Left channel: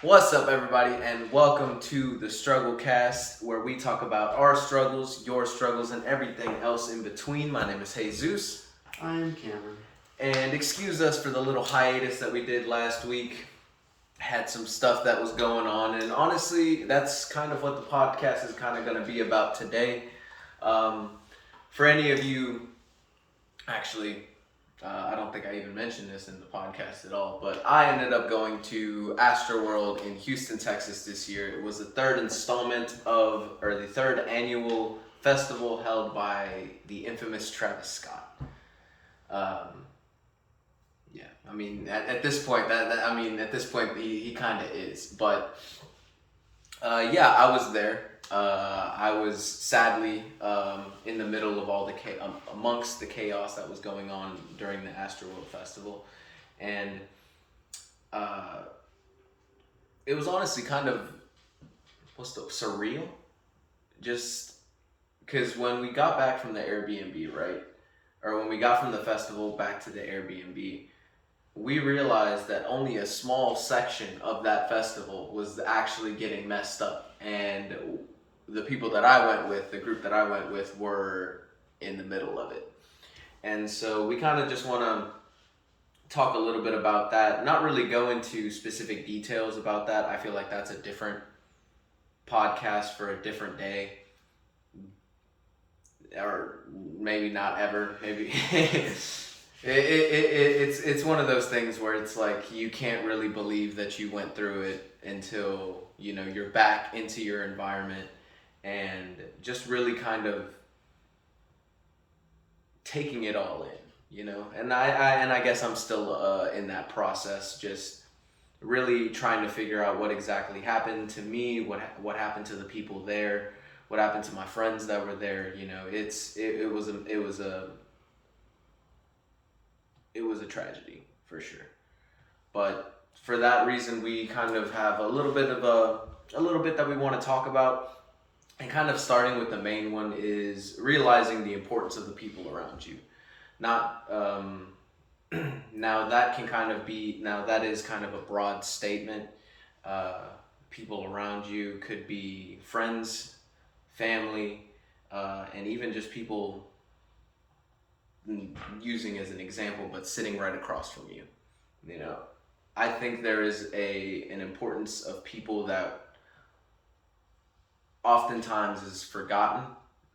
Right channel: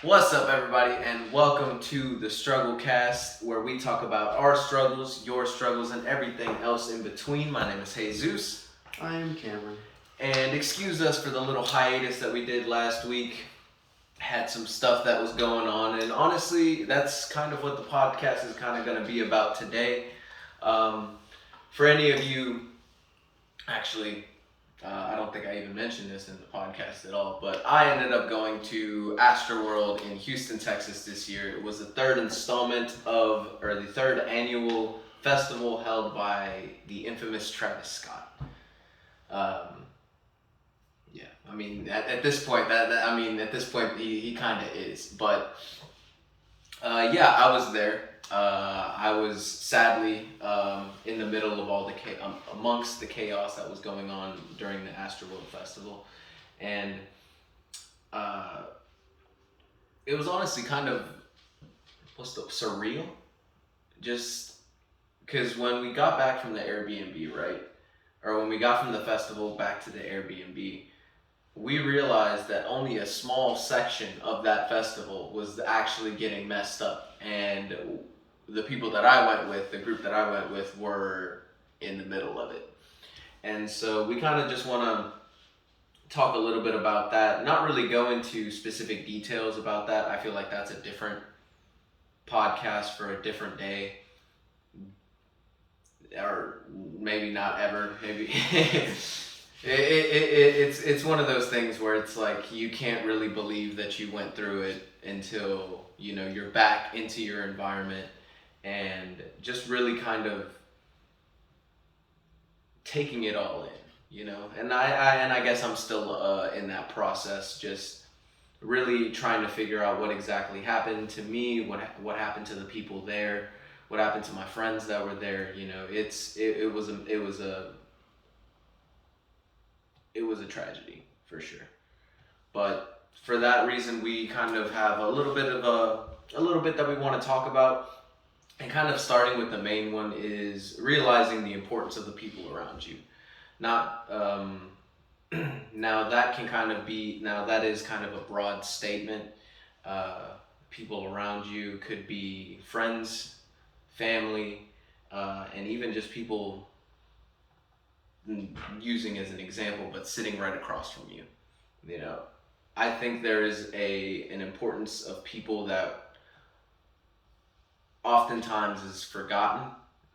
What's up, everybody, and welcome to the Strugglecast, where we talk about our struggles, your struggles, and everything else in between. My name is Jesus. I am Cameron. And excuse us for the little hiatus that we did last week. Had some stuff that was going on, and honestly, that's kind of what the podcast is kind of going to be about today. For any of you, actually, I don't think I even mentioned this in the podcast at all, but I ended up going to Astroworld in Houston, Texas this year. It was the third the third annual festival held by the infamous Travis Scott. Yeah, I mean, at this point, he kind of is. But yeah, I was there. I was sadly in the middle of all the amongst the chaos that was going on during the Astroworld Festival, and it was honestly kind of surreal, just because when we got back from the Airbnb, right, or when we got from the festival back to the Airbnb, we realized that only a small section of that festival was actually getting messed up, and the people that I went with, the group that I went with, were in the middle of it. And so we kind of just want to talk a little bit about that, not really go into specific details about that. I feel like that's a different podcast for a different day, or maybe not ever, maybe. It's one of those things where it's like you can't really believe that you went through it until you're back into your environment and just really kind of taking it all in, and I guess I'm still in that process, just really trying to figure out what exactly happened to me, what happened to the people there, what happened to my friends that were there. It was a tragedy for sure. But for that reason, we kind of have a little bit that we want to talk about, and kind of starting with the main one is realizing the importance of the people around you. Not now that is kind of a broad statement. People around you could be friends, family, and even just people, using as an example, but sitting right across from you. I think there is an importance of people that oftentimes is forgotten,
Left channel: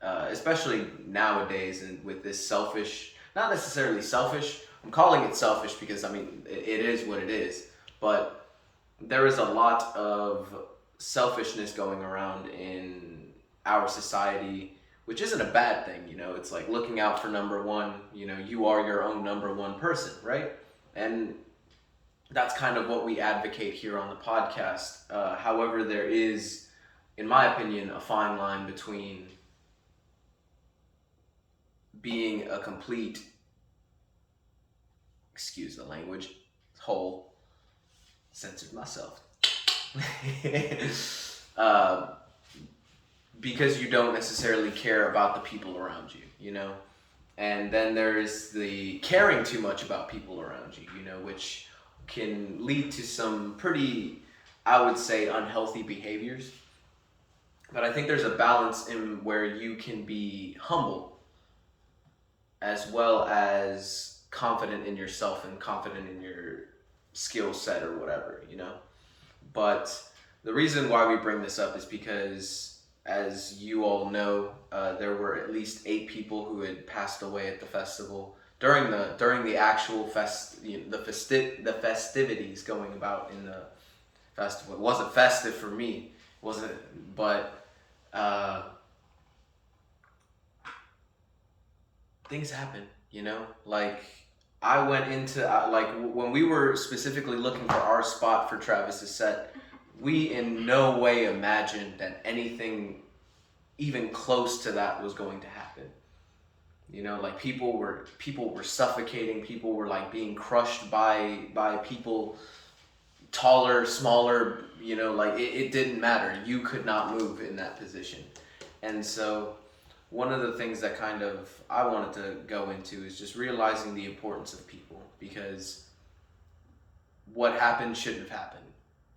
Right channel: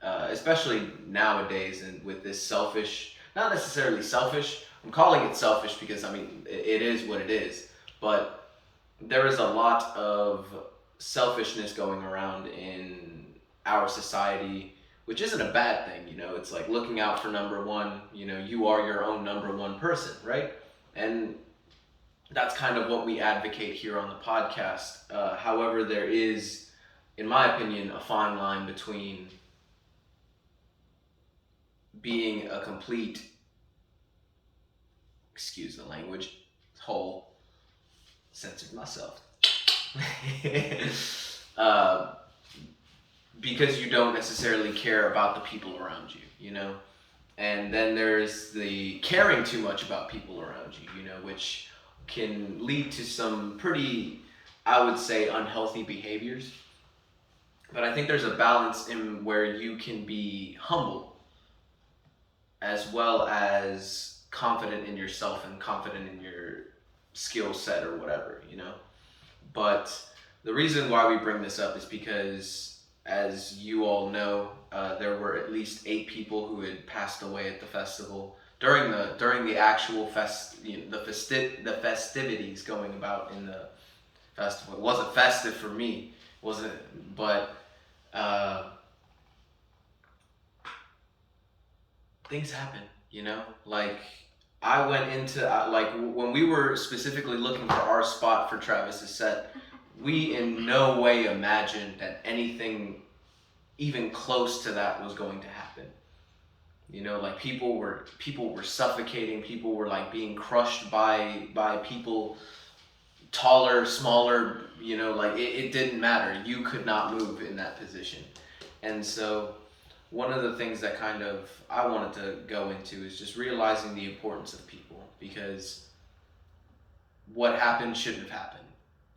especially nowadays, and with this selfish, not necessarily selfish, I'm calling it selfish because it is what it is, but there is a lot of selfishness going around in our society, which isn't a bad thing. It's like looking out for number one. You are your own number one person, right? And that's kind of what we advocate here on the podcast. However, there is, in my opinion, a fine line between being a complete, excuse the language, censored myself, because you don't necessarily care about the people around you, and then there's the caring too much about people around you, which can lead to some pretty, I would say, unhealthy behaviors. But I think there's a balance in where you can be humble as well as confident in yourself and confident in your skill set or whatever, But the reason why we bring this up is because, as you all know, there were at least 8 people who had passed away at the festival during the actual the festivities going about in the festival. It wasn't festive for me, wasn't it? But things happen, like I went into when we were specifically looking for our spot for Travis's set, we in no way imagined that anything even close to that was going to happen. Like people were suffocating, people were like being crushed by people taller, smaller, like it didn't matter. You could not move in that position. And so one of the things that kind of I wanted to go into is just realizing the importance of people, because what happened shouldn't have happened.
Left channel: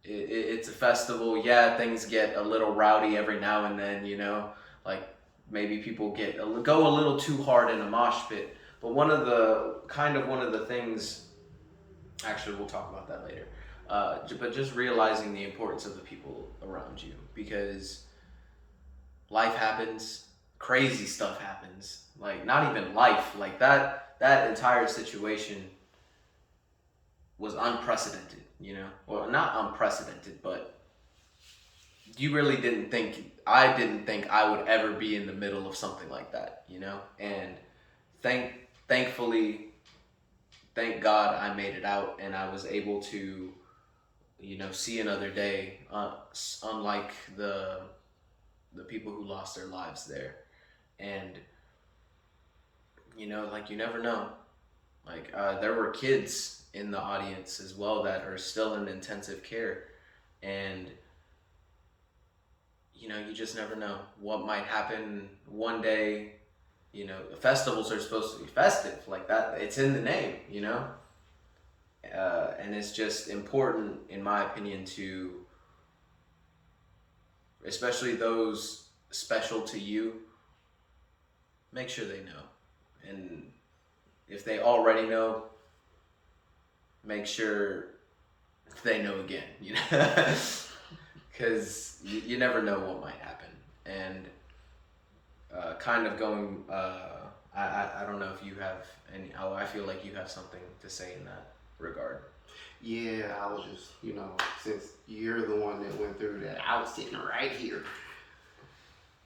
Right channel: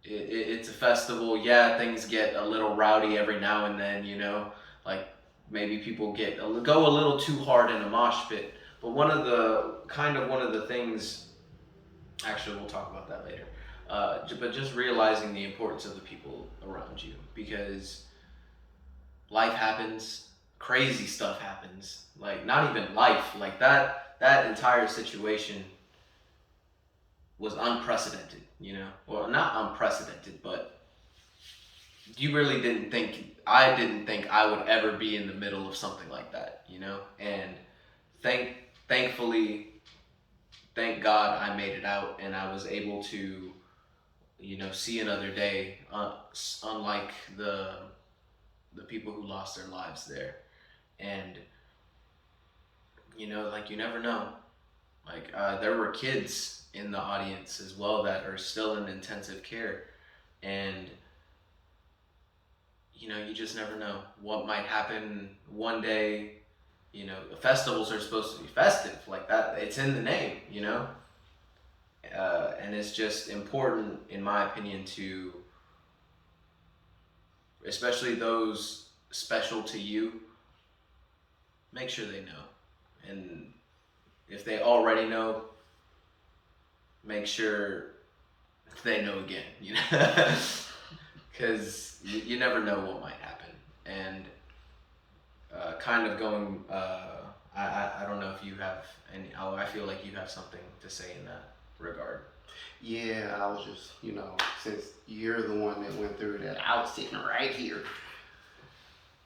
it's a festival. Yeah, things get a little rowdy every now and then, you know, like maybe people go a little too hard in a mosh pit. But one of the things, actually, we'll talk about that later. But just realizing the importance of the people around you, because life happens, crazy stuff happens. Like not even life, like that entire situation was unprecedented, you know? Well, not unprecedented, but you really didn't think, I didn't think I would ever be in the middle of something like that, you know? And thankfully, thank God I made it out and I was able to, you know, see another day, unlike the people who lost their lives there. And, you know, like you never know. Like there were kids in the audience as well that are still in intensive care, and you know you just never know what might happen one day. You know, festivals are supposed to be festive, like that. It's in the name, you know, and it's just important, in my opinion, to especially those special to you. Make sure they know, and if they already know, make sure they know again, you know, because you never know what might happen. And kind of going, I don't know if you have any, I feel like you have something to say in that regard. Yeah, I was just, since you're the one that went through that, I was sitting right here.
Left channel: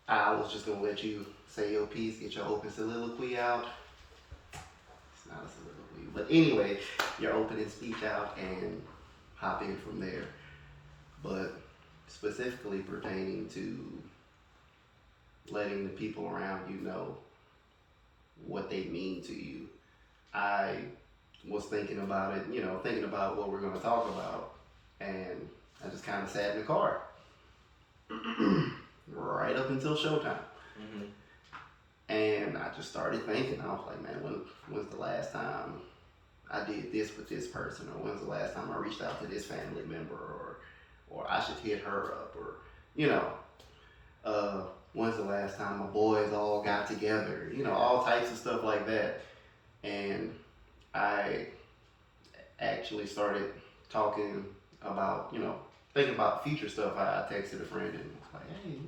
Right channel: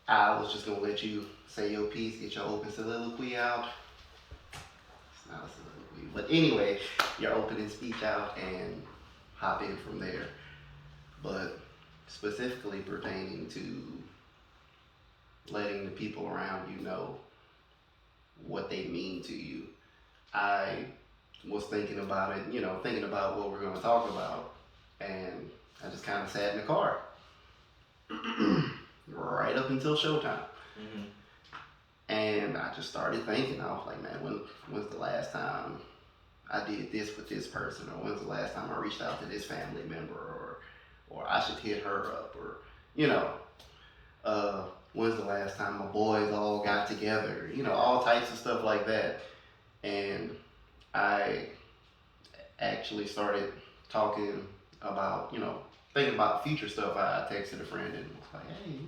I was just gonna let you say your piece, get your open soliloquy out. It's not a soliloquy, but anyway, your opening speech out and hop in from there. But specifically pertaining to letting the people around you know what they mean to you, I was thinking about it, thinking about what we're going to talk about, and I just kind of sat in the car right up until showtime. Mm-hmm. And I just started thinking, I was like, man, when's the last time I did this with this person, or when's the last time I reached out to this family member, or I should hit her up, or when's the last time my boys all got together, all types of stuff like that. And I actually started talking about, thinking about future stuff. I texted a friend and was like, hey,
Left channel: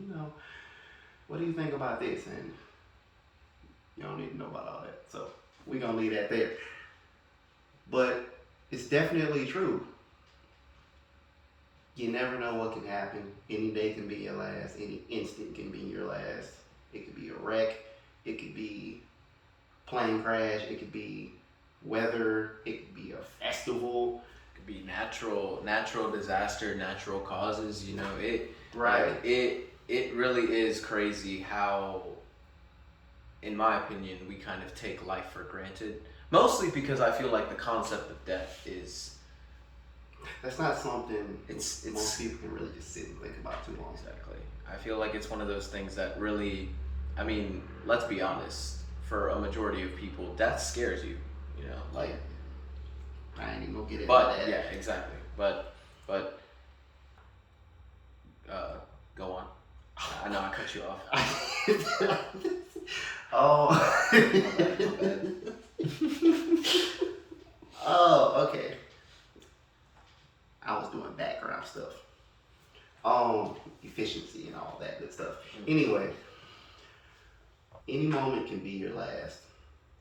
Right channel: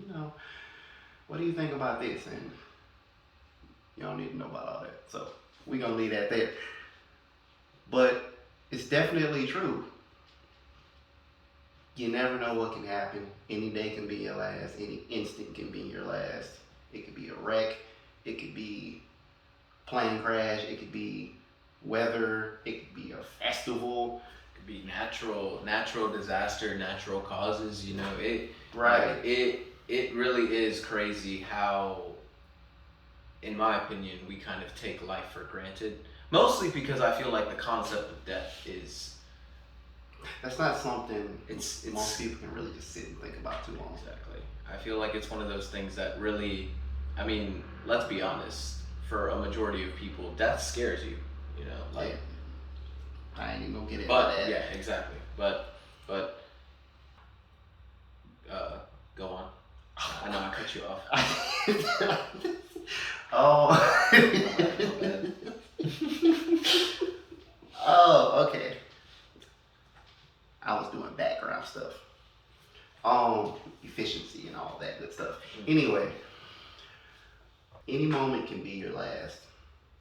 what do you think about this? And you don't need to know about all that. So we're going to leave that there. But it's definitely true. You never know what can happen. Any day can be your last. Any instant can be your last. It could be a wreck. It could be plane crash. It could be weather. It could be a festival. It could be natural disaster, natural causes. You know it. Right. Like, it really is crazy how, in my opinion, we kind of take life for granted. Mostly because I feel like the concept of death is. That's not something it's most people can really just sit and think about too long. Exactly. I feel like it's one of those things that really, I mean, let's be honest, for a majority of people, death scares you, like. I ain't even gonna get into that. But, yeah, exactly. But, go on. I know I cut you off. Oh. Oh, okay. I was doing background stuff. Efficiency and all that good stuff. Mm-hmm. Anyway, any moment can be your last.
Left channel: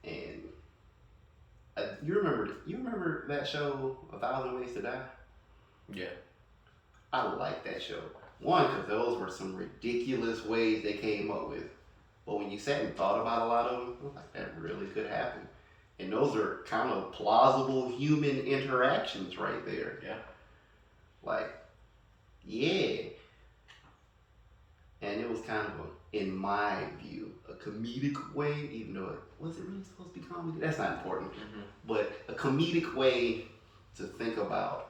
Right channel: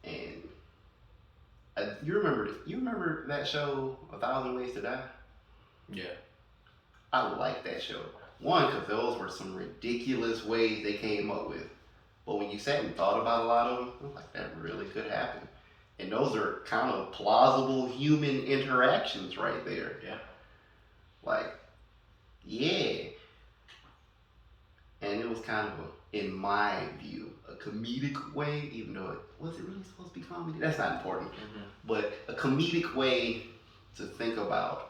And you remember that show, 1,000 Ways to Die? Yeah. I like that show. One, because those were some ridiculous ways they came up with. But when you sat and thought about a lot of them, I was like, that really could happen. And those are kind of plausible human interactions right there. Yeah. Like, yeah. And it was kind of, in my view, a comedic way, even though was it really supposed to be comedy? That's not important. Mm-hmm. But a comedic way to think about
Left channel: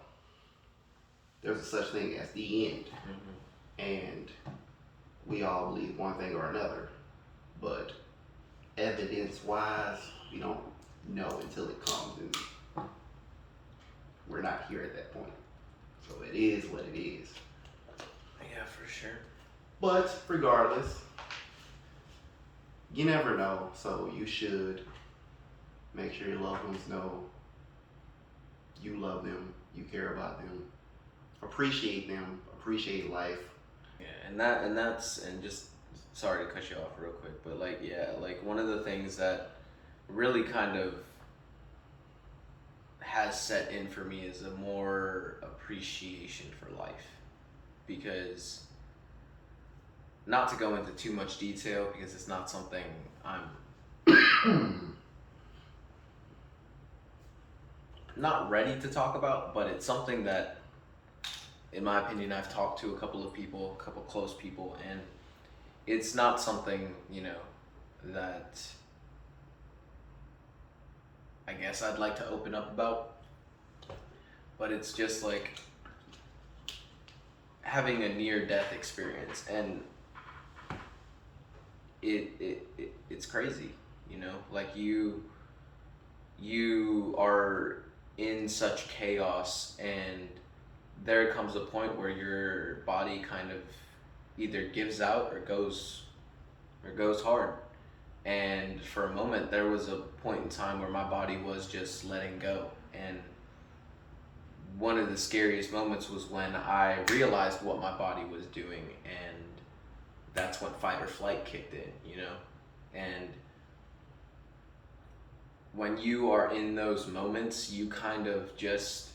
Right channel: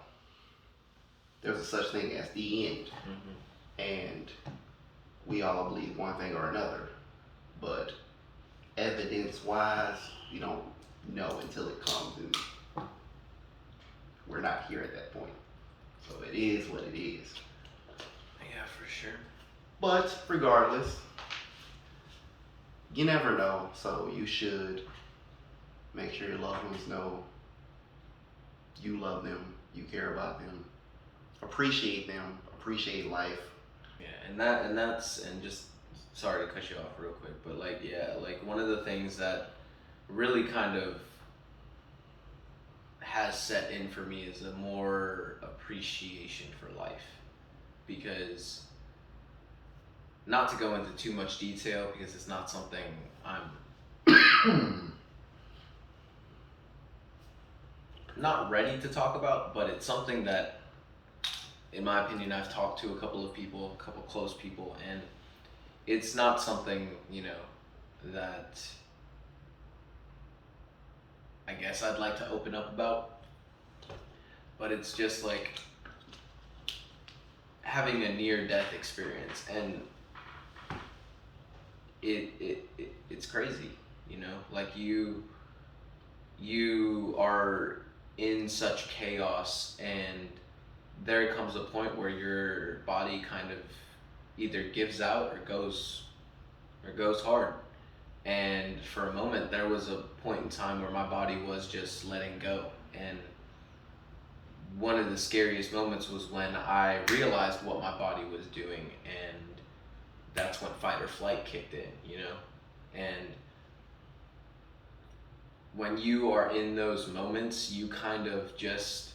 there's a such thing as the end. Mm-hmm. And we all believe one thing or another. But evidence-wise, we don't know until it comes, and we're not here at that point. So it is what it is. Yeah, for sure. But regardless, you never know. So you should make sure your loved ones know you love them, you care about them, appreciate life. Yeah, and just sorry to cut you off real quick, but like yeah, like one of the things that really kind of has set in for me is a more appreciation for life, because not to go into too much detail because it's not something I'm not ready to talk about, but it's something that, in my opinion, I've talked to a couple of people, a couple close people, and it's not something, that I guess I'd like to open up about, but it's just like having a near death experience, and it's crazy, like you are in such chaos, and there comes a point where your body kind of either gives out or goes hard. And for a moment there was a point in time where my body was just letting go, and one of the scariest moments was when I realized what my body was doing, and that's when fight or flight kicked in, and when you are in those moments, you kind of just,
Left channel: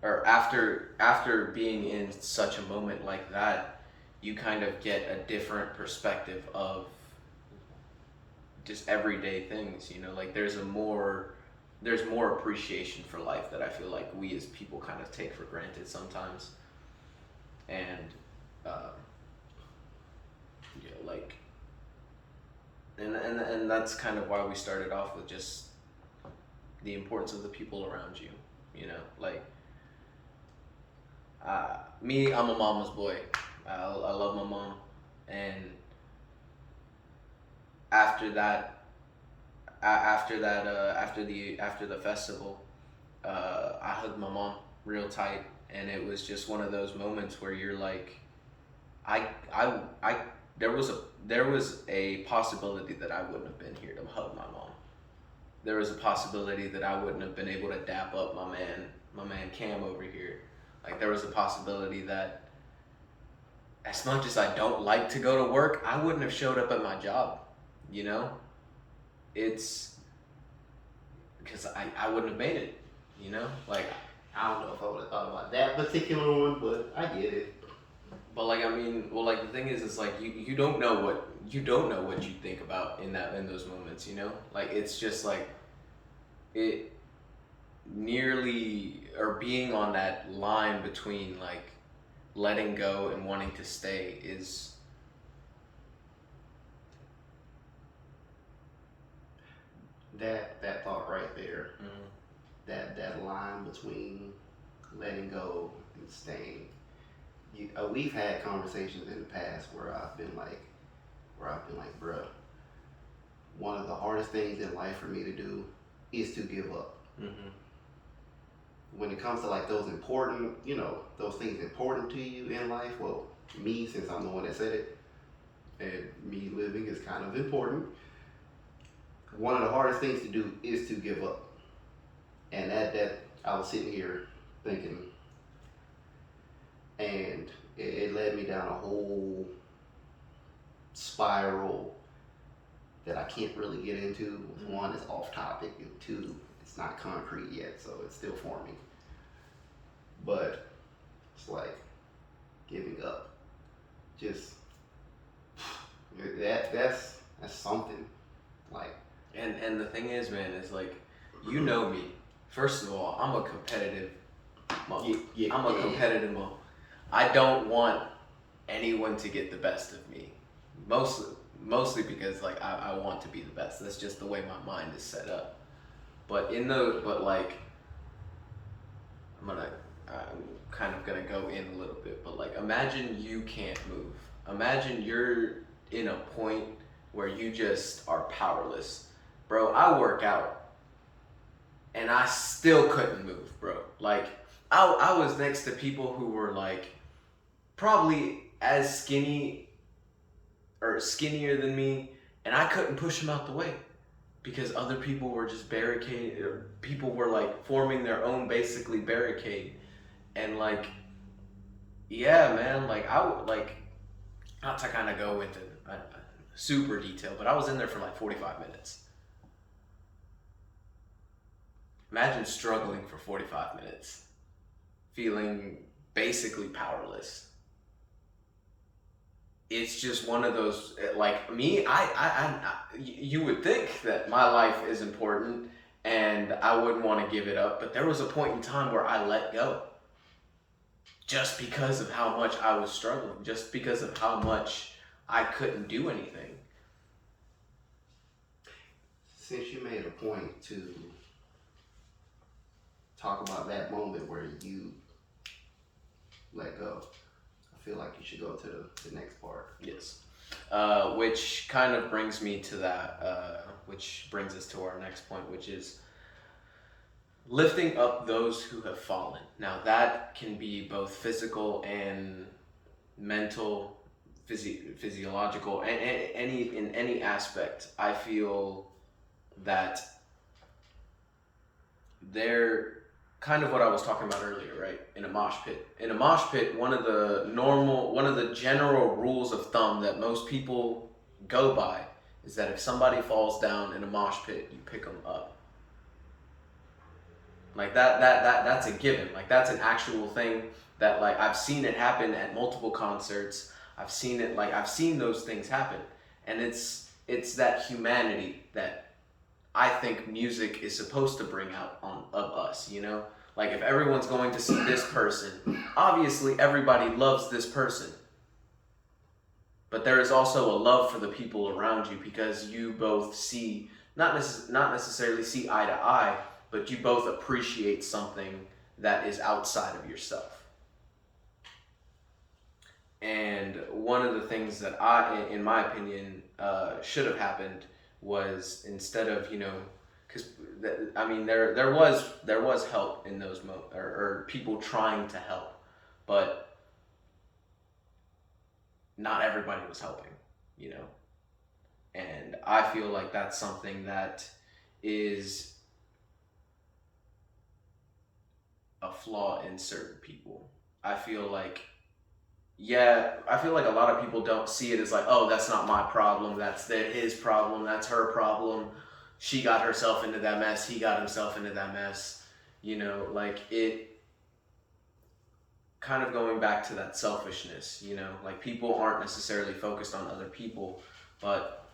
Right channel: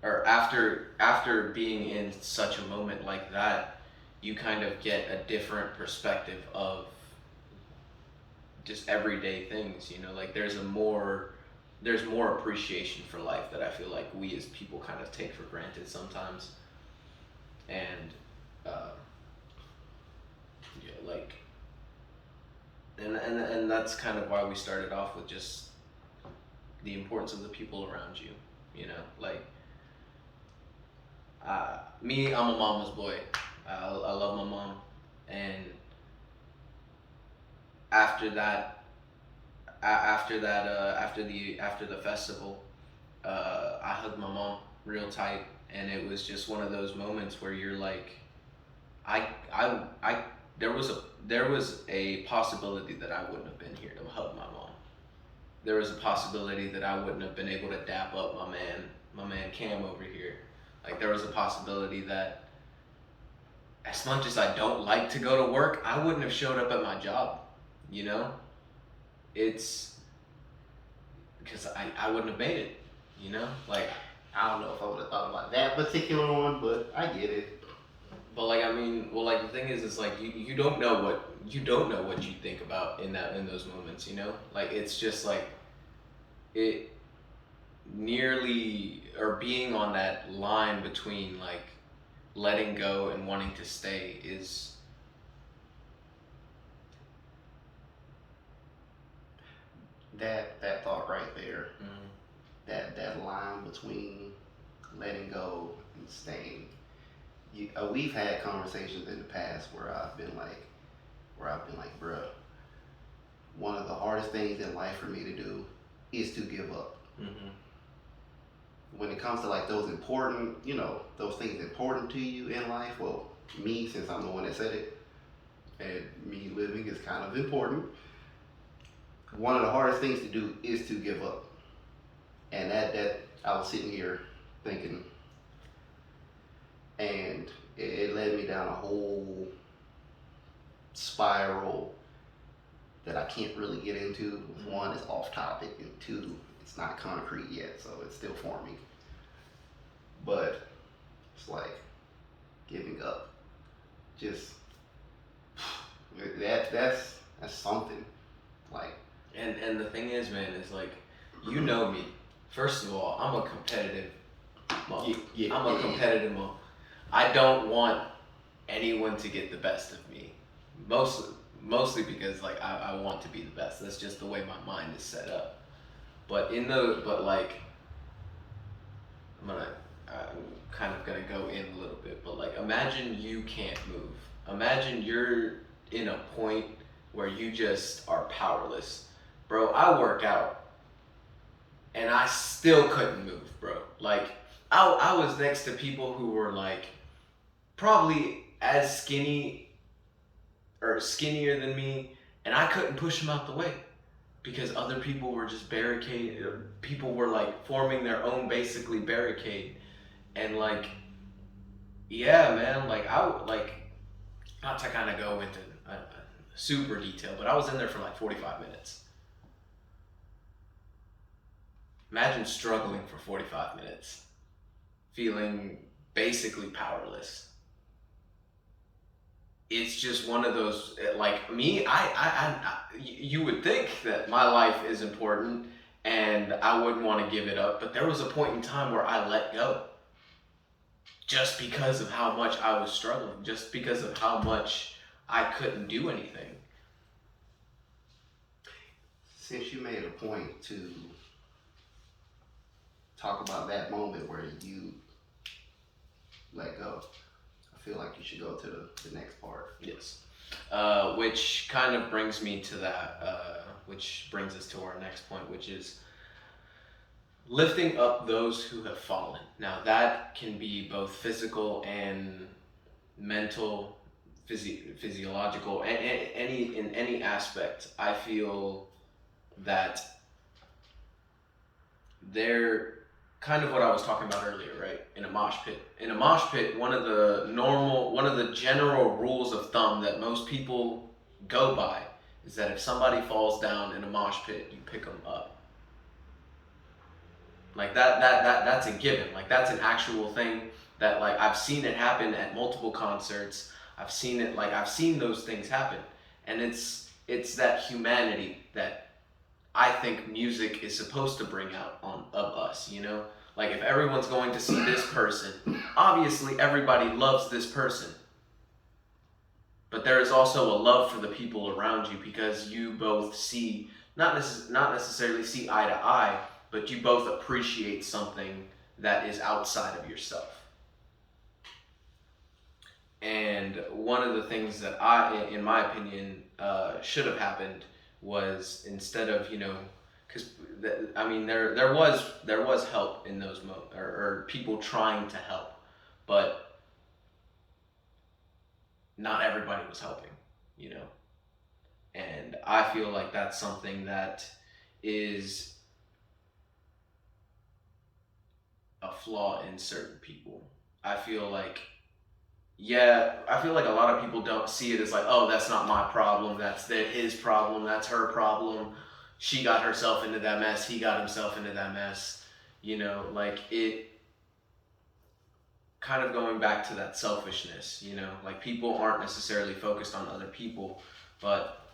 or after being in such a moment like that, you kind of get a different perspective of just everyday things, like there's more appreciation for life that I feel like we as people kind of take for granted sometimes. And yeah, like, and that's kind of why we started off with just the importance of the people around you, like me, I'm a mama's boy. I love my mom, and after that, after the festival, I hugged my mom real tight, and it was just one of those moments where you're like, I there was a possibility that I wouldn't have been here to hug my mom. There was a possibility that I wouldn't have been able to dap up my man Cam over here. Like there was a possibility that, as much as I don't like to go to work, I wouldn't have showed up at my job. It's because I wouldn't have made it. Like I don't know if I would have thought about that particular one, but I get it. But like I mean, well, like the thing is like you don't know what you think about in those moments. Like it's just like it nearly, or being on that line between like letting go and wanting to stay is that thought right there. That line between letting go and staying. We've had conversations in the past where I've been like, bruh, one of the hardest things in life for me to do is to give up. When it comes to like those important, those things important to you in life, well, me, since I'm the one that said it, and me living is kind of important, one of the hardest things to do is to give up. And that I was sitting here thinking, and it led me down a whole spiral that I can't really get into. One, it's off topic, and two, it's not concrete yet, so it's still forming. But it's like giving up. Just that's something. Like, and the thing is, man, is like, me. First of all, I'm a competitive mom. I'm a competitive mom. I don't want anyone to get the best of me. Mostly because like I want to be the best. That's just the way my mind is set up. But like I'm kind of gonna go in a little bit, but like imagine you can't move. Imagine you're in a point where you just are powerless. Bro, I work out and I still couldn't move, bro. Like, I was next to people who were like probably as skinny or skinnier than me, and I couldn't push them out the way because other people were just barricaded. People were like forming their own basically barricade, and like, yeah, man, like not to kind of go into super detail, but I was in there for like 45 minutes. Imagine struggling for 45 minutes, feeling basically powerless. It's just one of those, like me, you would think that my life is important and I wouldn't want to give it up, but there was a point in time where I let go just because of how much I was struggling, just because of how much I couldn't do anything. Since you made a point to talk about that moment where you let go, I feel like you should go to the next part. Yes. Which kind of brings me to that, which brings us to our next point, which is lifting up those who have fallen. Now, that can be both physical and mental, physiological, in any aspect. I feel that they're kind of what I was talking about earlier, right? In a mosh pit. In a mosh pit, one of the general rules of thumb that most people go by is that if somebody falls down in a mosh pit, you pick them up. Like that's a given. Like that's an actual thing that like I've seen it happen at multiple concerts. I've seen those things happen. And it's that humanity that I think music is supposed to bring out of us, you know? Like if everyone's going to see this person, obviously everybody loves this person. But there is also a love for the people around you because you both see, not necessarily see eye to eye, but you both appreciate something that is outside of yourself. And one of the things that in my opinion, should have happened was instead of, you know, because I mean there was help in those or people trying to help, but not everybody was helping, you know. And I feel like that's something that is a flaw in certain people. I feel like a lot of people don't see it as like, oh, that's not my problem, that's his problem, that's her problem. She got herself into that mess, he got himself into that mess. You know, like it kind of going back to that selfishness, you know, like people aren't necessarily focused on other people, but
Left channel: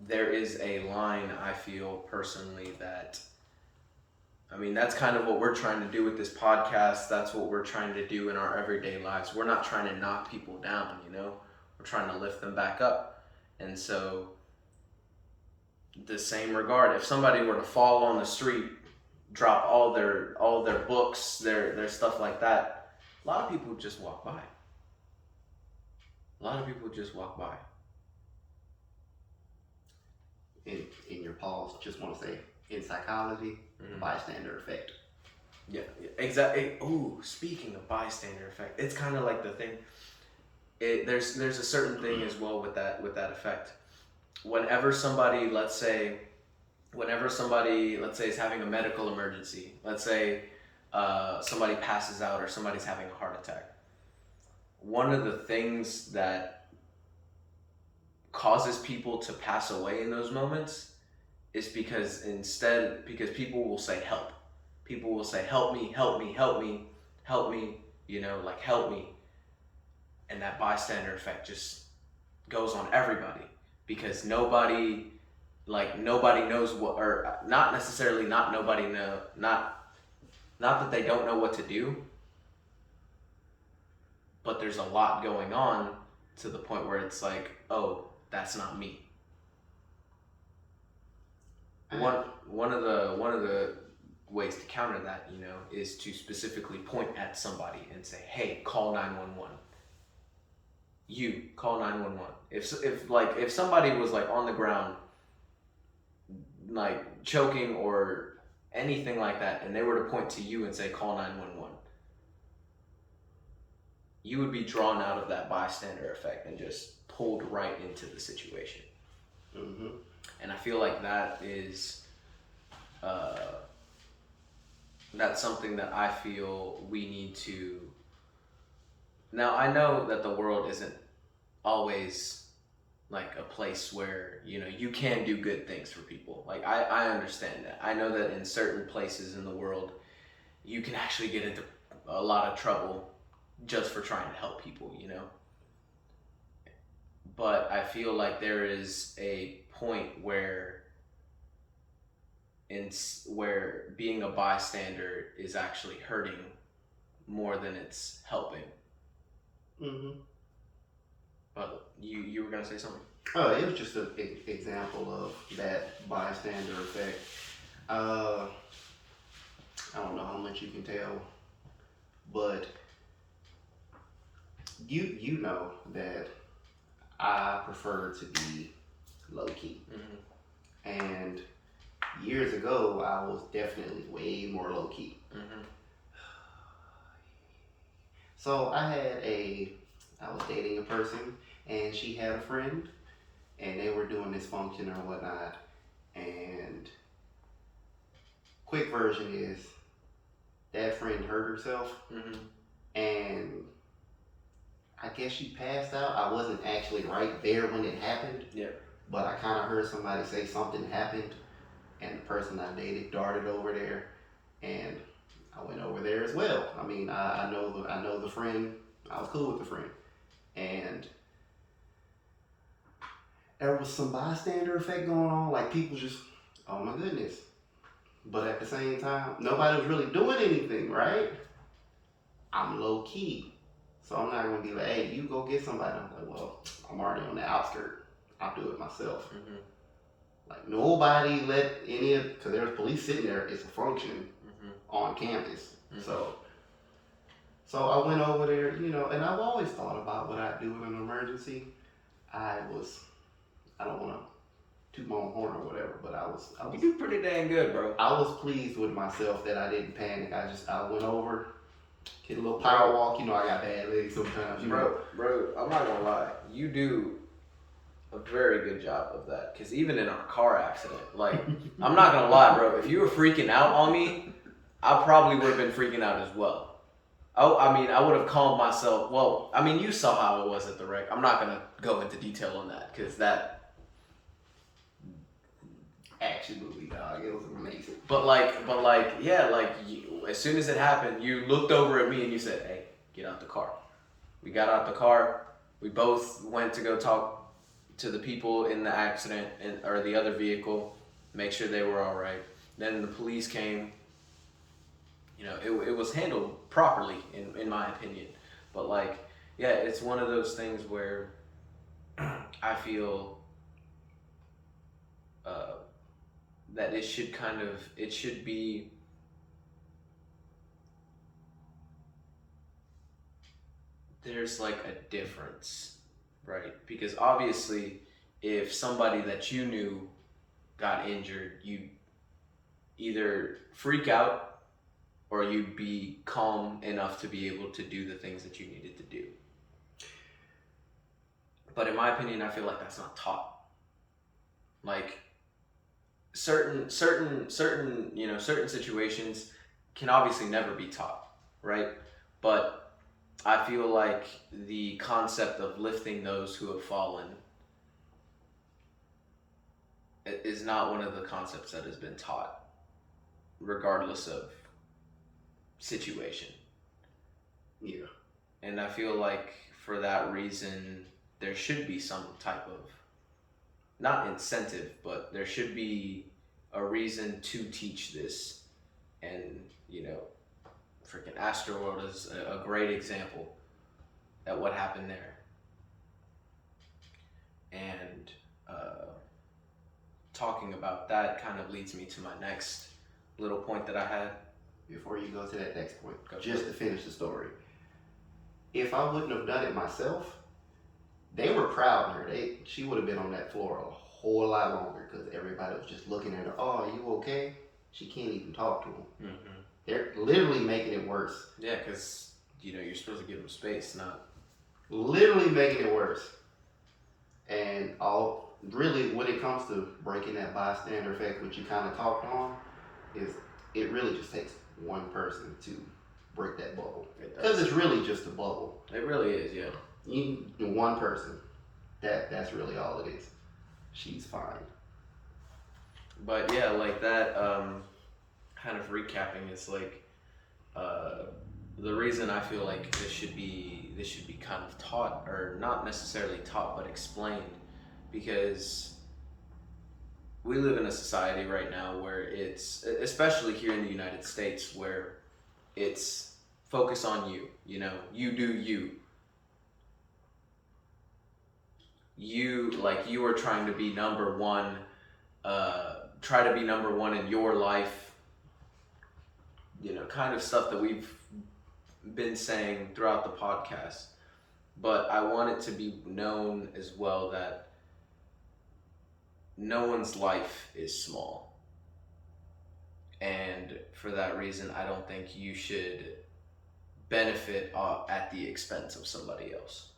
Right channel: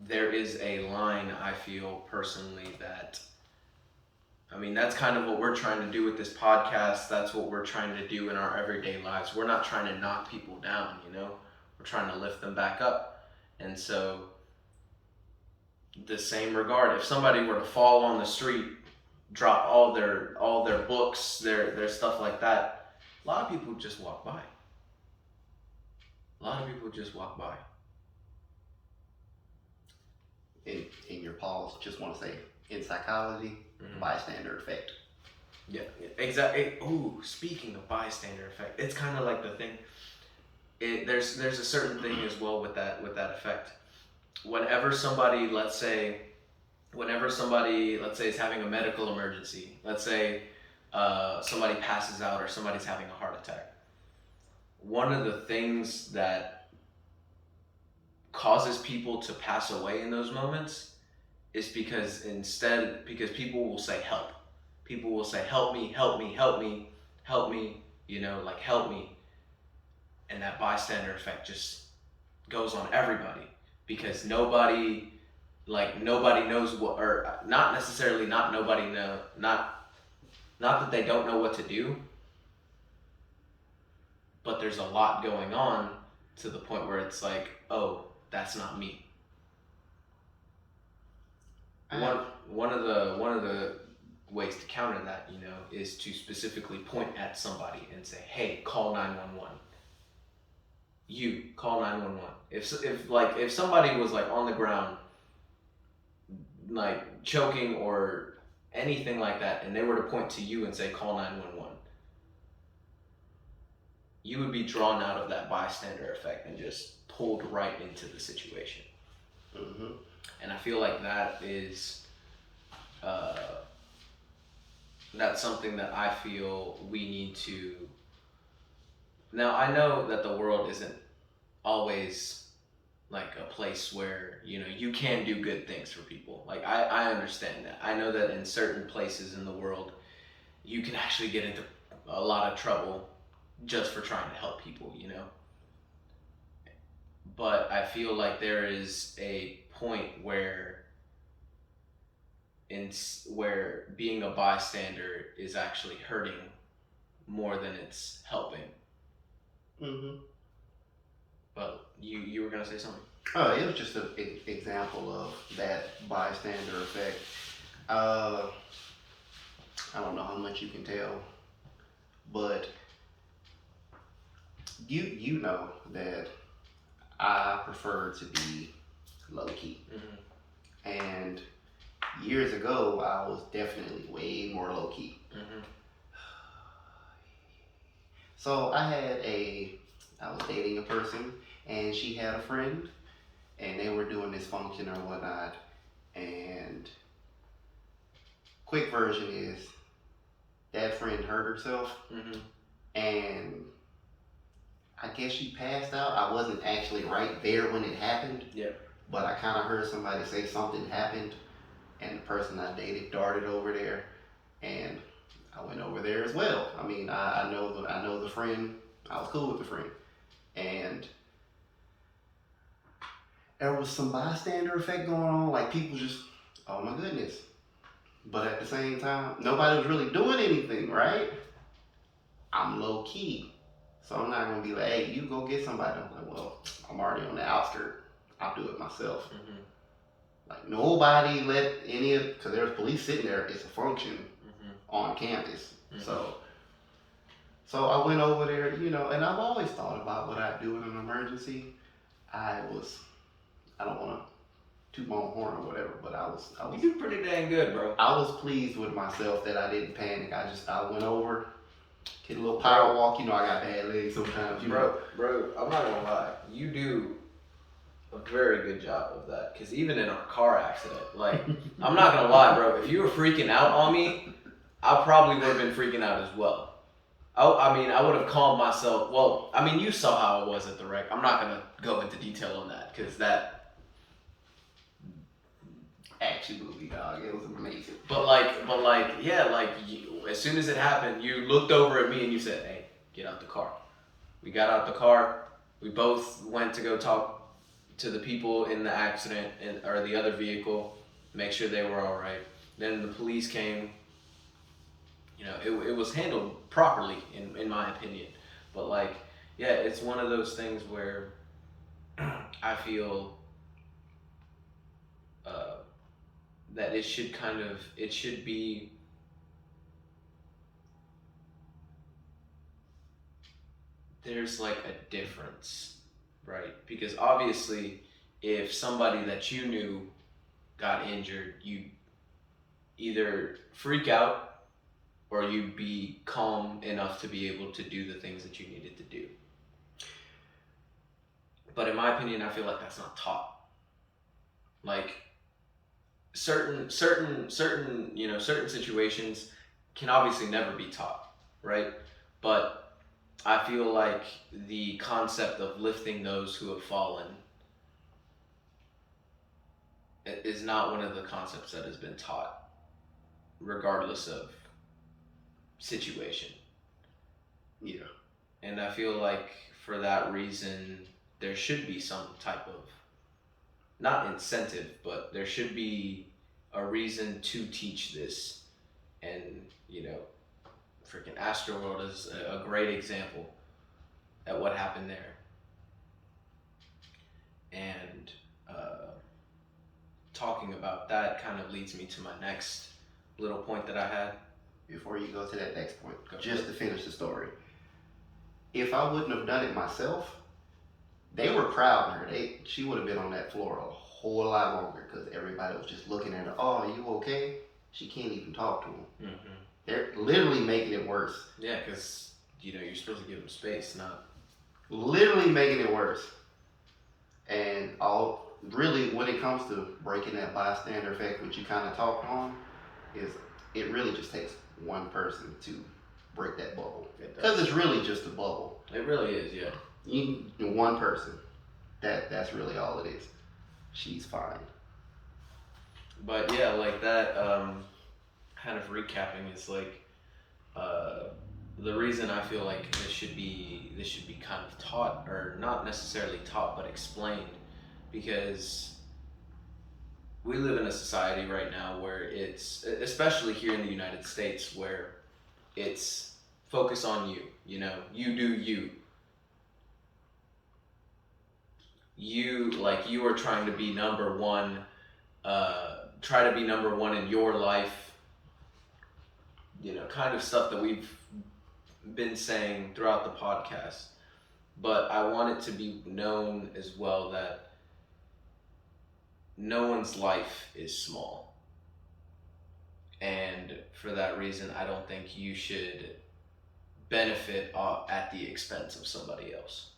there is a line I feel personally that, I mean, that's kind of what we're trying to do with this podcast. That's what we're trying to do in our everyday lives. We're not trying to knock people down, you know? We're trying to lift them back up. And so, the same regard, if somebody were to fall on the street, drop all their books, their stuff like that, a lot of people just walk by. In your pause, just want to say, in psychology, bystander effect. Yeah, exactly. Ooh, speaking of bystander effect, it's kind of like the thing. There's a certain thing as well with that effect. Whenever somebody, let's say, is having a medical emergency, let's say somebody passes out or somebody's having a heart attack, one of the things that causes people to pass away in those moments is because people will say help. People will say, help me, help me, help me, help me, you know, like help me. And that bystander effect just goes on everybody because nobody knows what, or not necessarily not nobody know, not that they don't know what to do, but there's a lot going on to the point where it's like, oh, that's not me. One of the ways to counter that, you know, is to specifically point at somebody and say, hey, call 911. You call 911. If somebody was like on the ground, like choking anything like that, and they were to point to you and say, call 911, you would be drawn out of that bystander effect and just pulled right into the situation. Mm-hmm. And I feel like that is, that's something that I feel we need to. Now, I know that the world isn't always like a place where, you know, you can do good things for people. Like, I understand that. I know that in certain places in the world, you can actually get into a lot of trouble just for trying to help people, you know? But I feel like there is a point where where being a bystander is actually hurting more than it's helping. Mm-hmm. But you were gonna say something? Oh, it was just an example of that bystander effect. I don't know how much you can tell, but you know that I prefer to be low key. Mm-hmm. And years ago, I was definitely way more low key. Mm-hmm. So I was dating a person, and she had a friend, and they were doing this function or whatnot. And quick version is that friend hurt herself, Mm-hmm. and I guess she passed out. I wasn't actually right there when it happened. Yeah. But I kind of heard somebody say something happened, and the person I dated darted over there, and I went over there as well. I mean, I know the friend. I was cool with the friend, and there was some bystander effect going on. Like people just, oh my goodness. But at the same time, nobody was really doing anything, right? I'm low key, so I'm not gonna be like, hey, you go get somebody. I'm like, well, I'm already on the outskirts. I'll do it myself. Mm-hmm. Like nobody let any of, because there's police sitting there. It's a function Mm-hmm. on campus. Mm-hmm. So I went over there, you know, and I've always thought about what I'd do in an emergency. I don't want to toot my own horn or whatever, but I was. You do pretty dang good, bro. I was pleased with myself that I didn't panic. I went over, hit a little power walk. You know, I got bad legs sometimes. You know. Bro, I'm not gonna lie. You do a very good job of that. Because even in our car accident, like, I'm not gonna lie, bro. If you were freaking out on me, I probably would have been freaking out as well. I mean, I would have calmed myself. Well, I mean, you saw how it was at the wreck. I'm not gonna go into detail on that because that Action movie, dog. It was amazing. But yeah, like as soon as it happened, you looked over at me and you said, "Hey, get out the car." We got out the car. We both went to go talk to the people in the accident or the other vehicle, make sure they were all right. Then the police came. You know, it was handled properly in my opinion. But like, yeah, it's one of those things where I feel that it should be there's like a difference, right? Because obviously if somebody that you knew got injured, you either freak out or you'd be calm enough to be able to do the things that you needed to do. But in my opinion, I feel like that's not taught. Like certain situations can obviously never be taught, right? But I feel like the concept of lifting those who have fallen is not one of the concepts that has been taught, regardless of situation. Yeah. And I feel like for that reason, there should be some type of, not incentive, but there should be a reason to teach this. And, you know, freaking Astroworld is a great example at what happened there. And talking about that kind of leads me to my next little point that I had. Before you go to that next point, Go just to finish the story. If I wouldn't have done it myself, they were crowding her. She would have been on that floor a whole lot longer because everybody was just looking at her. Oh, are you okay? she can't even talk to them. Mm-hmm. They're literally making it worse. Yeah, because you're supposed to give them space, not Literally making it worse. And all really, when it comes to breaking that bystander effect, which you kind of talked on, is it really just takes one person to break that bubble. Because it's really just a bubble. It really is, yeah. You one person. That's really all it is. She's fine. But yeah, like that. Kind of recapping is like the reason I feel like this should be kind of taught, or not necessarily taught, but explained, because we live in a society right now where it's, especially here in the United States, where it's focus on you. You do you. You are trying to be number one. Try to be number one in your life. Kind of stuff that we've been saying throughout the podcast. But I want it to be known as well that no one's life is small. And for that reason, I don't think you should benefit at the expense of somebody else.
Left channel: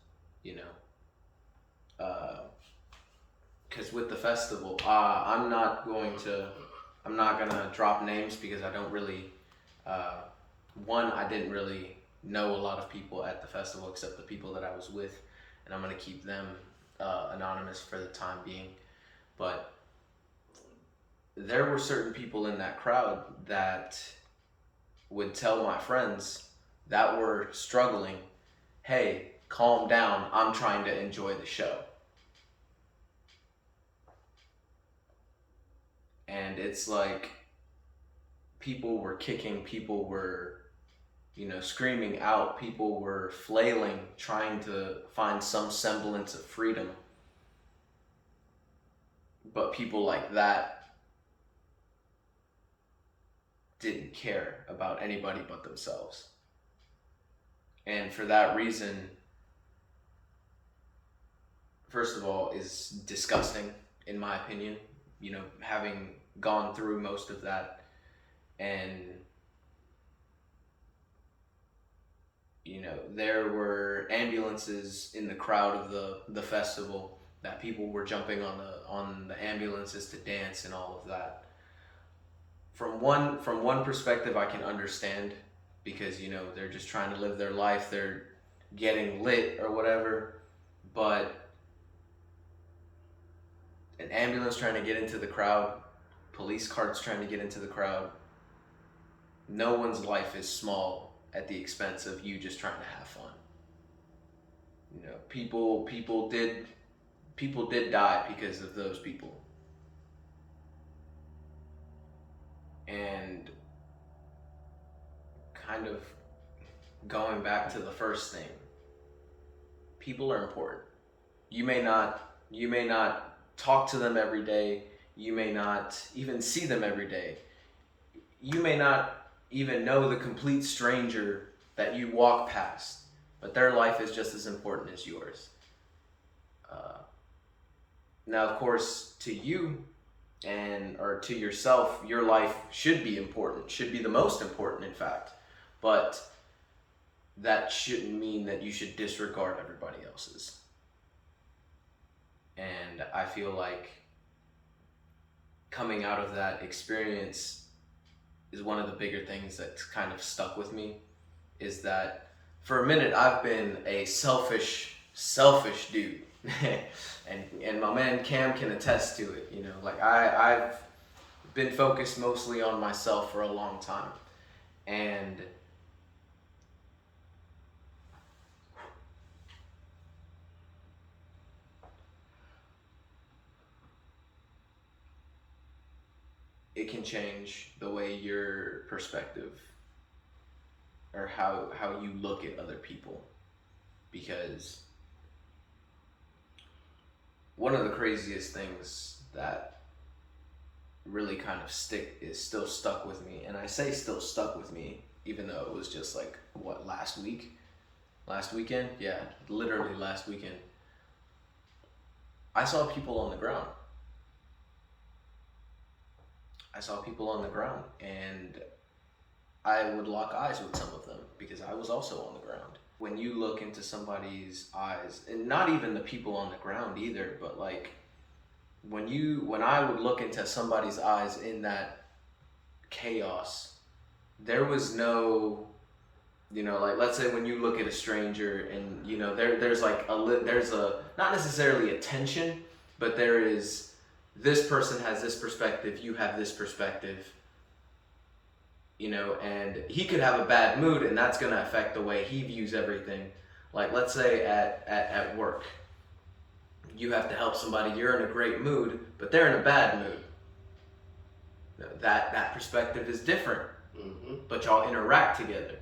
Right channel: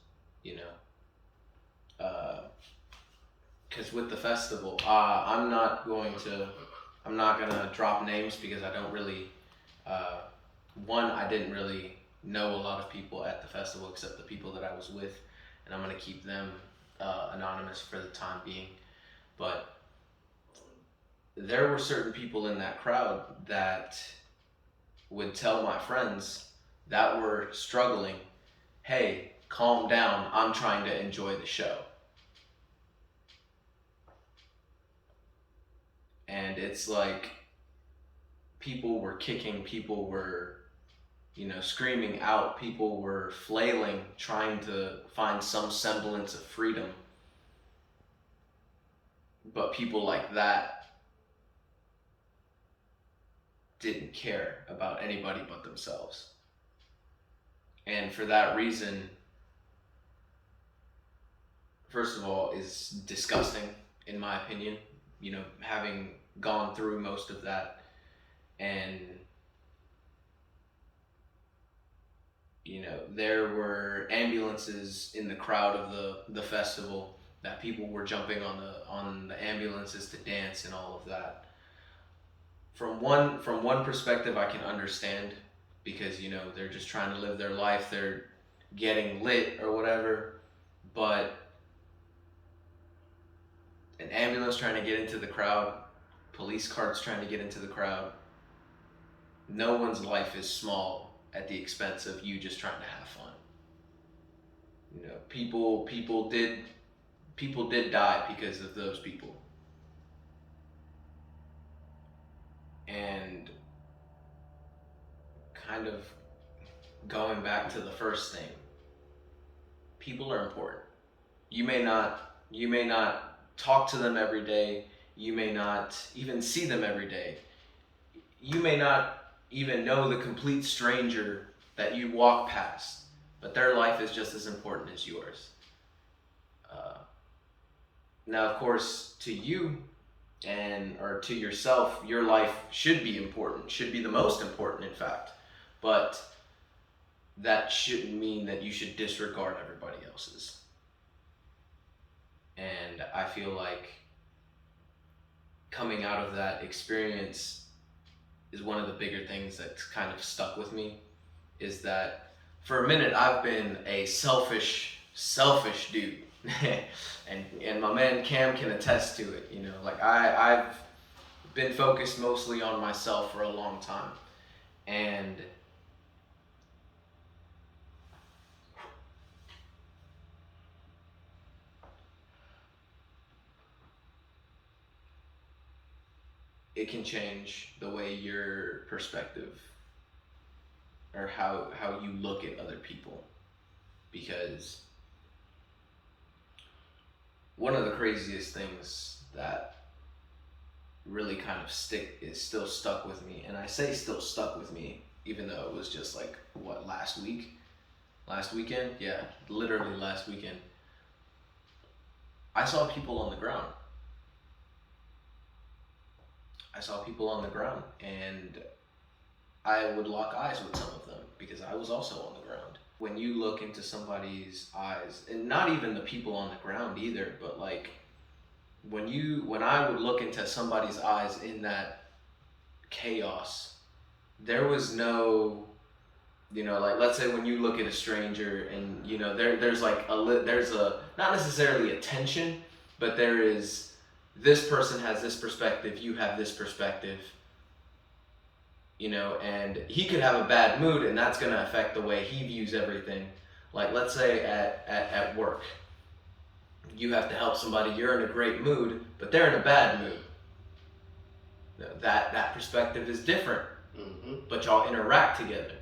Because with the festival, I'm not gonna drop names because I don't really. I didn't really know a lot of people at the festival except the people that I was with, and I'm gonna keep them anonymous for the time being. But there were certain people in that crowd that would tell my friends that were struggling, "Hey, calm down. I'm trying to enjoy the show." And it's like people were kicking, people were, screaming out, people were flailing, trying to find some semblance of freedom. But people like that didn't care about anybody but themselves. And for that reason, first of all, is disgusting, in my opinion. Having gone through most of that, and there were ambulances in the crowd of the festival, that people were jumping on the ambulances to dance and all of that. From one perspective, I can understand, because they're just trying to live their life, they're getting lit or whatever. But an ambulance trying to get into the crowd, police carts trying to get into the crowd, no one's life is small at the expense of you just trying to have fun. People did die because of those people. And kind of going back to the first thing, people are important. You may not talk to them every day. You may not even see them every day. You may not even know the complete stranger that you walk past, but their life is just as important as yours. Now, of course, to you or to yourself, your life should be important, should be the most important, in fact. But that shouldn't mean that you should disregard everybody else's. And I feel like coming out of that experience is one of the bigger things that's kind of stuck with me, is that for a minute I've been a selfish dude. and my man Cam can attest to it. I've been focused mostly on myself for a long time, and it can change the way your perspective, or how you look at other people. Because one of the craziest things that really kind of still stuck with me, and I say still stuck with me, even though it was just like, last weekend? Yeah, literally last weekend. I saw people on the ground. I saw people on the ground, and I would lock eyes with some of them because I was also on the ground. When you look into somebody's eyes, and not even the people on the ground either, but like when I would look into somebody's eyes in that chaos, there was no, like let's say when you look at a stranger and there's like there's a not necessarily a tension, but there is, this person has this perspective, you have this perspective, and he could have a bad mood, and that's going to affect the way he views everything. Like let's say at work, you have to help somebody, you're in a great mood, but they're in a bad mood. That perspective is different, but y'all interact together.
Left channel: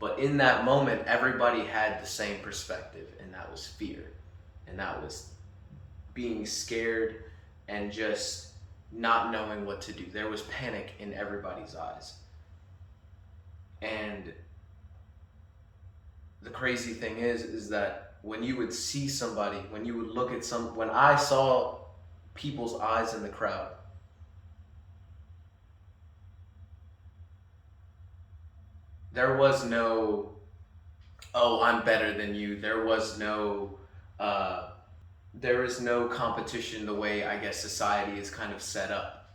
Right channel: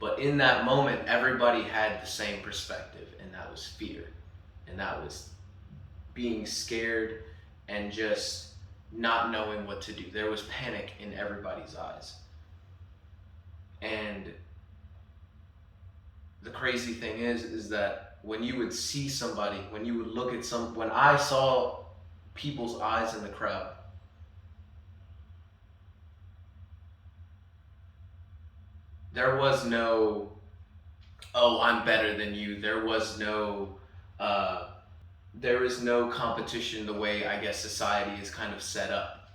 But in that moment, everybody had the same perspective, and that was fear, and that was being scared and just not knowing what to do. There was panic in everybody's eyes. And the crazy thing is that when you would see somebody, when you would look at when I saw people's eyes in the crowd, there was no, oh, I'm better than you. There is no competition the way I guess society is kind of set up.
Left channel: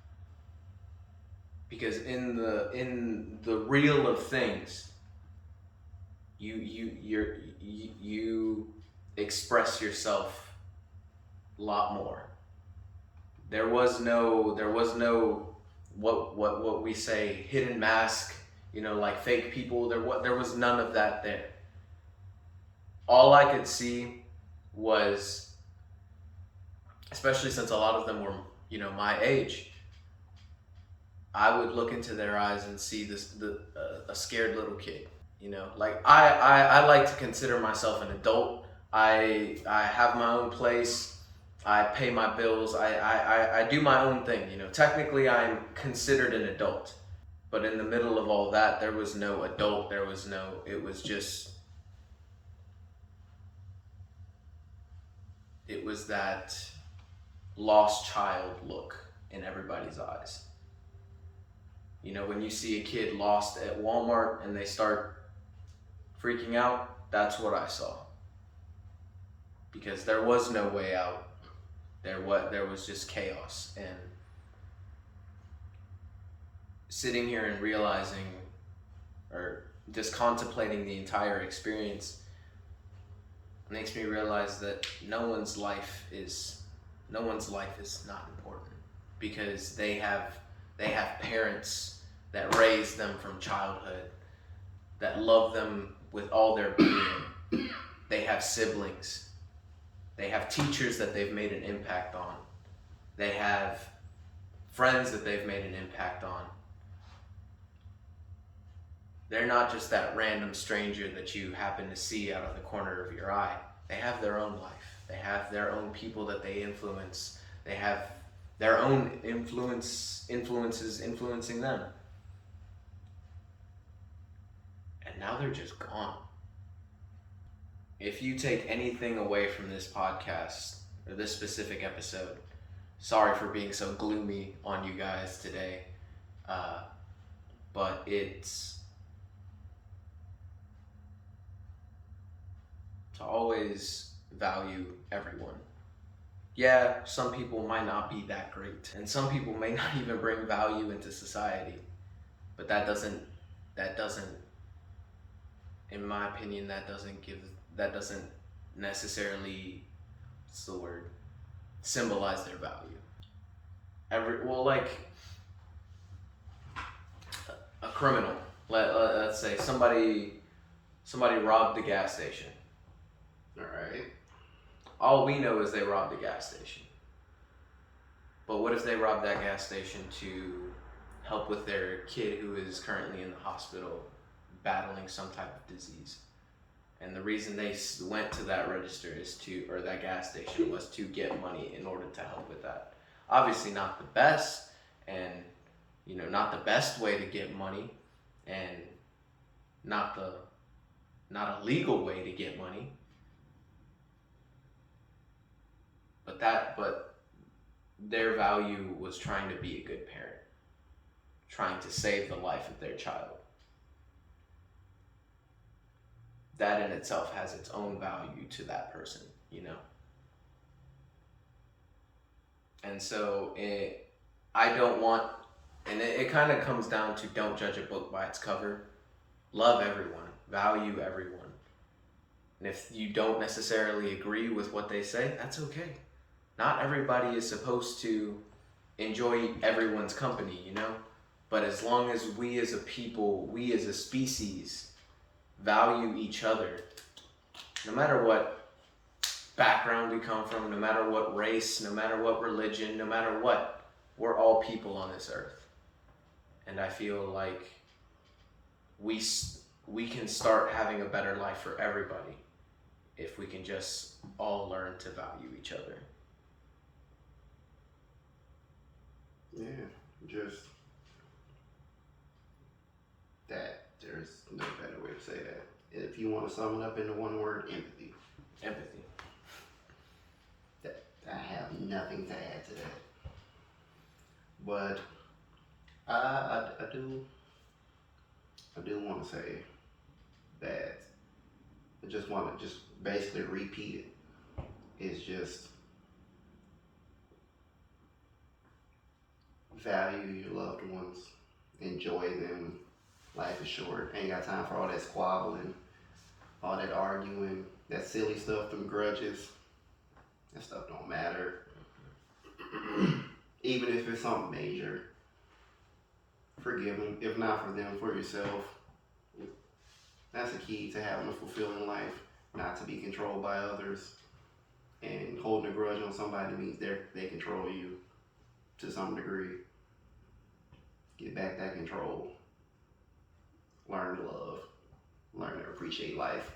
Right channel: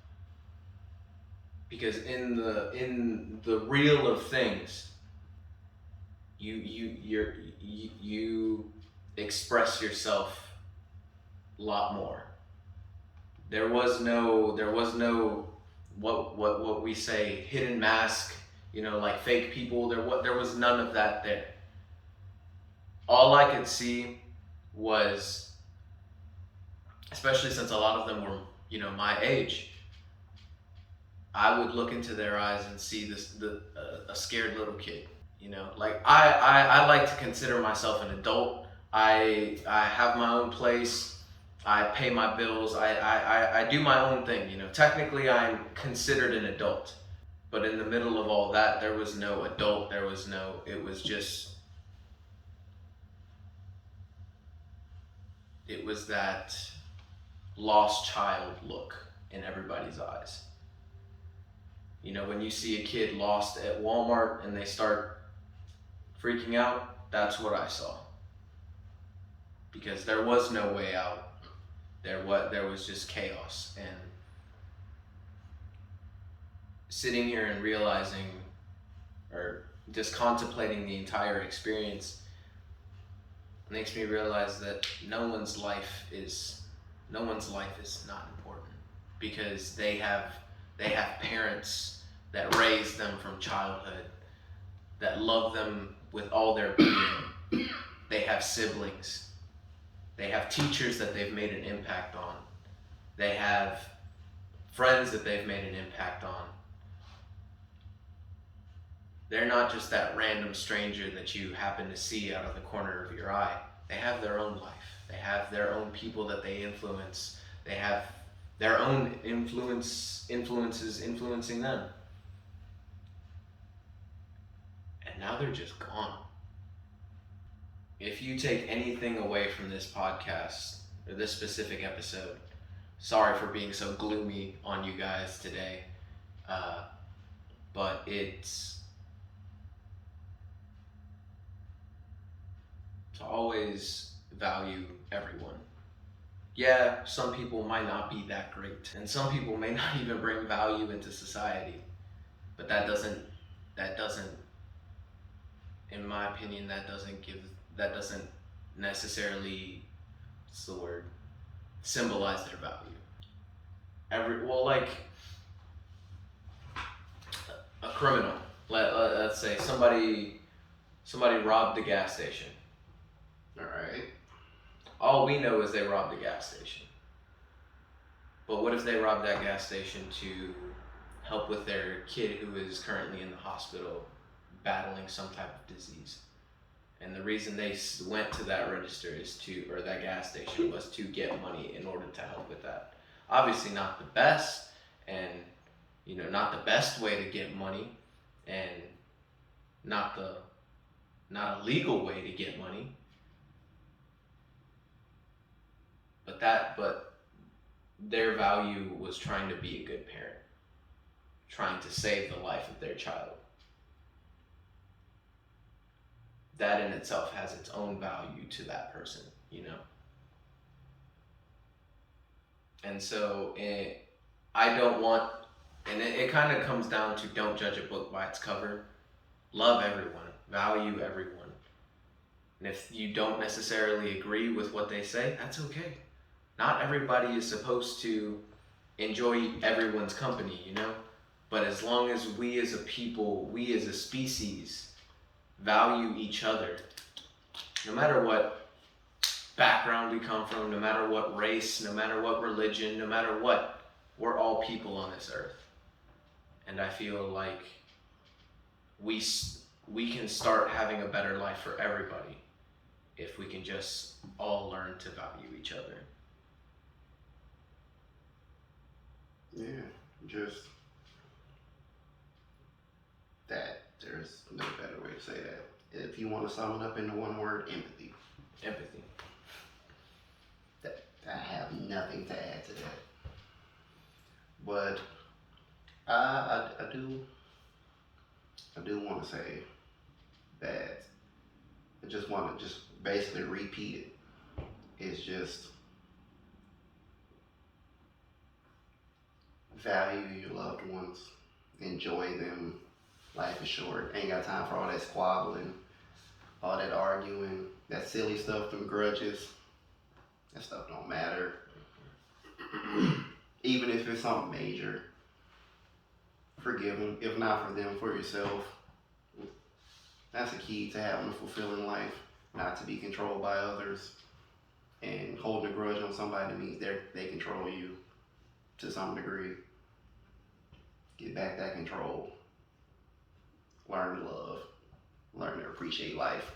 Because in the real of things, you express yourself a lot more. There was no what we say hidden mask, like fake people. There was none of that there. All I could see was, especially since a lot of them were, my age, I would look into their eyes and see a scared little kid. Like I like to consider myself an adult. I have my own place. I pay my bills. I do my own thing. Technically I'm considered an adult, but in the middle of all that, there was no adult. It was that lost child look in everybody's eyes. When you see a kid lost at Walmart and they start freaking out, that's what I saw. Because there was no way out. There was just chaos. And sitting here and realizing, or just contemplating the entire experience, makes me realize that no one's life is not important, because they have parents that raised them from childhood, that love them with all their being. They have siblings. They have teachers that they've made an impact on. They have friends that they've made an impact on. They're not just that random stranger that you happen to see out of the corner of your eye. They have their own life. They have their own people that they influence. They have their own influences influencing them. And now they're just gone. If you take anything away from this podcast, or this specific episode, sorry for being so gloomy on you guys today, but it's to always value everyone. Yeah, some people might not be that great, and some people may not even bring value into society, but that doesn't, in my opinion, that doesn't necessarily, what's the word, symbolize their value. Like a criminal, let's say somebody robbed the gas station. Alright. All we know is they robbed the gas station. But what if they robbed that gas station to help with their kid who is currently in the hospital battling some type of disease? And the reason they went to that register or that gas station was to get money in order to help with that. Obviously not the best, and not the best way to get money, and not a legal way to get money. But their value was trying to be a good parent. trying to save the life of their child. That in itself has its own value to that person, you know? And so I don't want, and it kind of comes down to don't judge a book by its cover. Love everyone, value everyone. And if you don't necessarily agree with what they say, that's okay. Not everybody is supposed to enjoy everyone's company, you know? But as long as we as a people, we as a species, value each other, no matter what background you come from, no matter what race, no matter what religion, no matter what, we're all people on this earth. And I feel like we can start having a better life for everybody if we can just all learn to value each other. Yeah, just that. There's no better way to say that. If you want to sum it up into one word, empathy. Empathy. I have nothing to add to that. But I do want to say that I just want to just basically repeat it. It's just value your loved ones, enjoy them. Life is short. Ain't got time for all that squabbling, all that arguing, that silly stuff, them grudges. That stuff don't matter. Even if it's something major, forgive them. If not for them, for yourself. That's the key to having a fulfilling life, not to be controlled by others. And holding a grudge on somebody means they control you to some degree. Get back that control. Learn to love. Learn to appreciate life.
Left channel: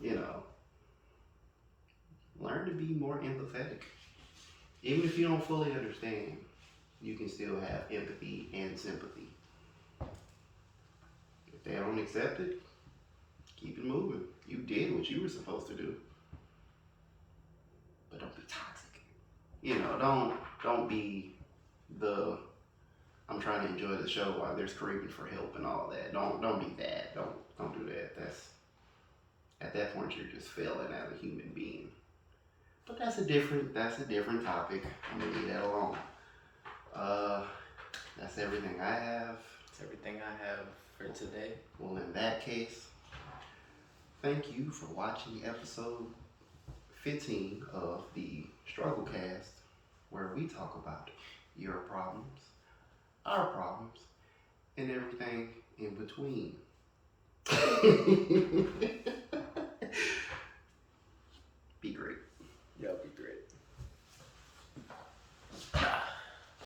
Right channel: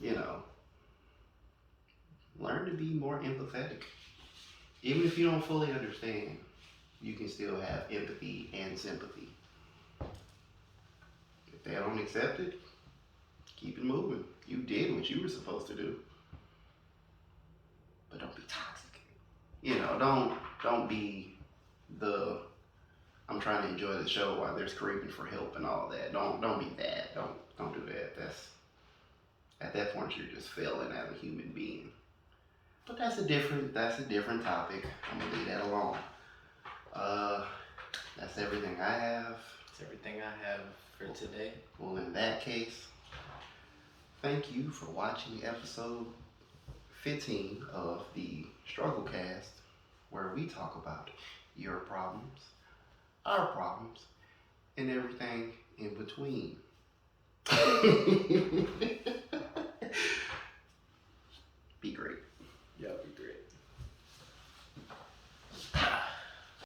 You know. Learn to be more empathetic. Even if you don't fully understand, you can still have empathy and sympathy. If they don't accept it, keep it moving. You did what you were supposed to do. But don't be toxic. You know, don't be the I'm trying to enjoy the show while they're screaming for help and all that. Don't be that. Don't do that. That's at that point you're just failing as a human being. But that's a different topic. I'm gonna leave that alone. That's everything I have. That's everything I have for today. Well, in that case, thank you for watching episode 15 of the Strugglecast, where we talk about your problems, our problems, and everything in between. Be great. That'll be great.